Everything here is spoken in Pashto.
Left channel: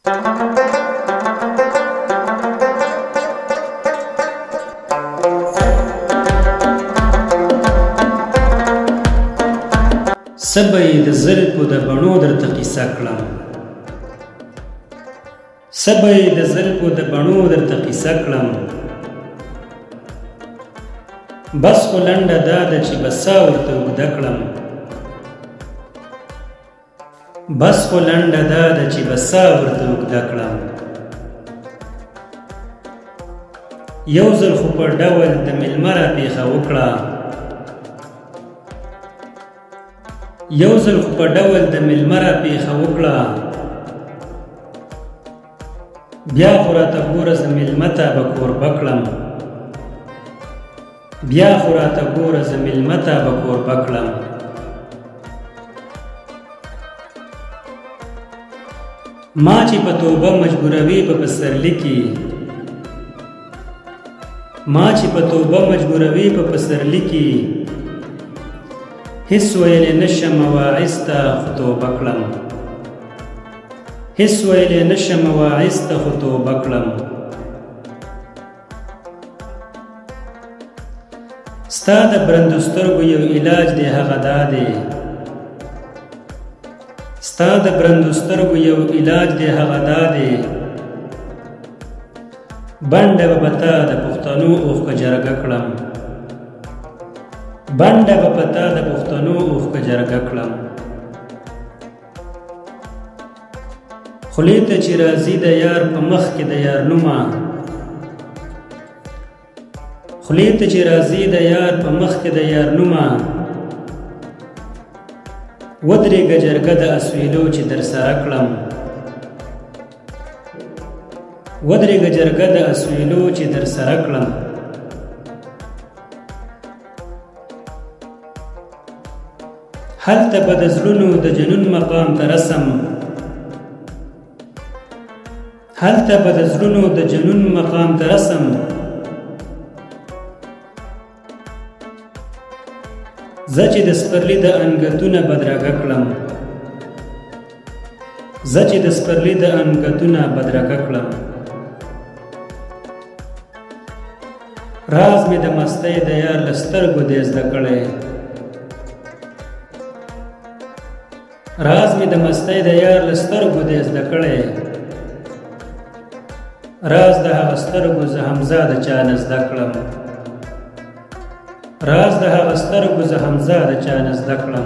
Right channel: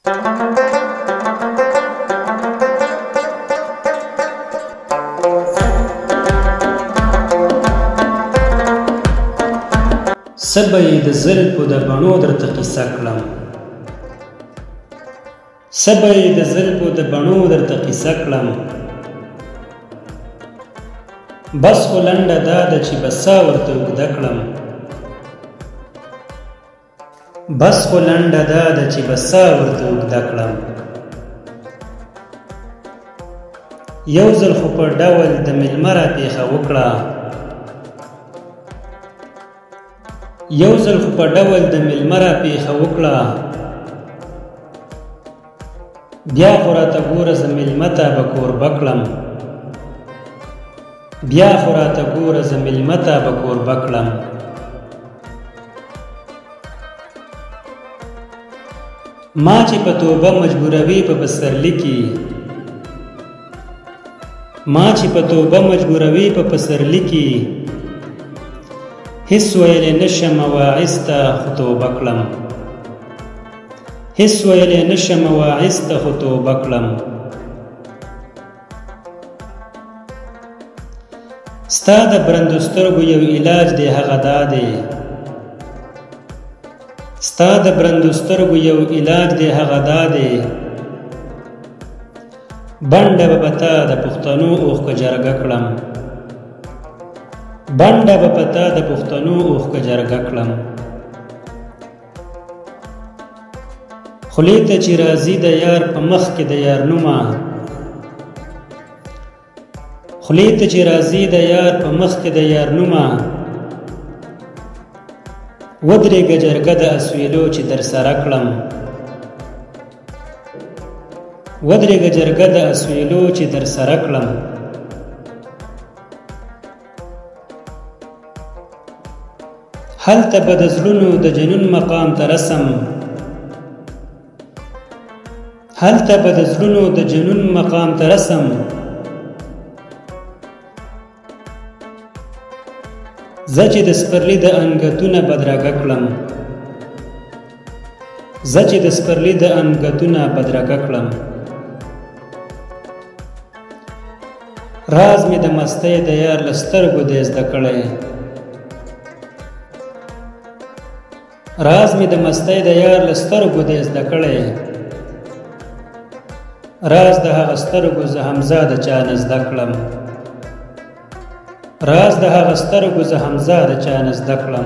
سبی د زلفو د بڼو درته قیصه کړم، سبی د زلفو د بڼو درته قیصه کړم. بس خو لنډه دا ده چې بسا ورته اوږده کړم، بس خو لنډه دا ده چې بسا ورته اوږده کړم. یو ځل خو په ډول د مېلمه راپېښه وکړه، یو ځل خو په ډول د مېلمه راپېښه وکړه. بیا خو راته ګوره زه مېلمه ته به کوربه کړم، بیا خو راته ګوره زه مېلمه ته به کوربه کړم. ما چې په توبه مجبوروي په پسرلي کې، ما چې په توبه مجبوروي په پسرلي کې، هیڅ ویلی نشم واعظ ته خو توبه کړم، هیڅ ویلی نشم واعظ ته خو توبه کړم. ستا د برندو سترګو یو علاج دی هغه دا دی، ستا د برندو سترګو یو علاج دی هغه دا دی. بنډه به په تا د پښتنو اوښکه جرګه کړم، بنډه به په تا د پښتنو اوښکه جرګه کړم. خولې ته چې راځي د یار په مخ کې د یار نومه، خولې ته چې راځي د یار په مخ کې د یار نومه. ودرېږه جرګه د اسویلو چې در سره کړم، ودرېږه جرګه د اسویلو چې در سره کړم. هلته به د زړونو د جنون مقام ته رسم، هلته به د زړونو د جنون مقام ته رسم. زه چې د سپرلي د انګتونه بدرګه کړم، زه چې د سپرلي د انګتونه بدرګه کړم. راز مې د مستۍ د یار له سترګو دی زده کړی، راز مې د مستۍ د یار له سترګو دی زده کړی. راز د هغه سترګو زه حمزه د چا نه زده کړم، راز د هغه سترګو زه حمزه د چا نه زده کړم.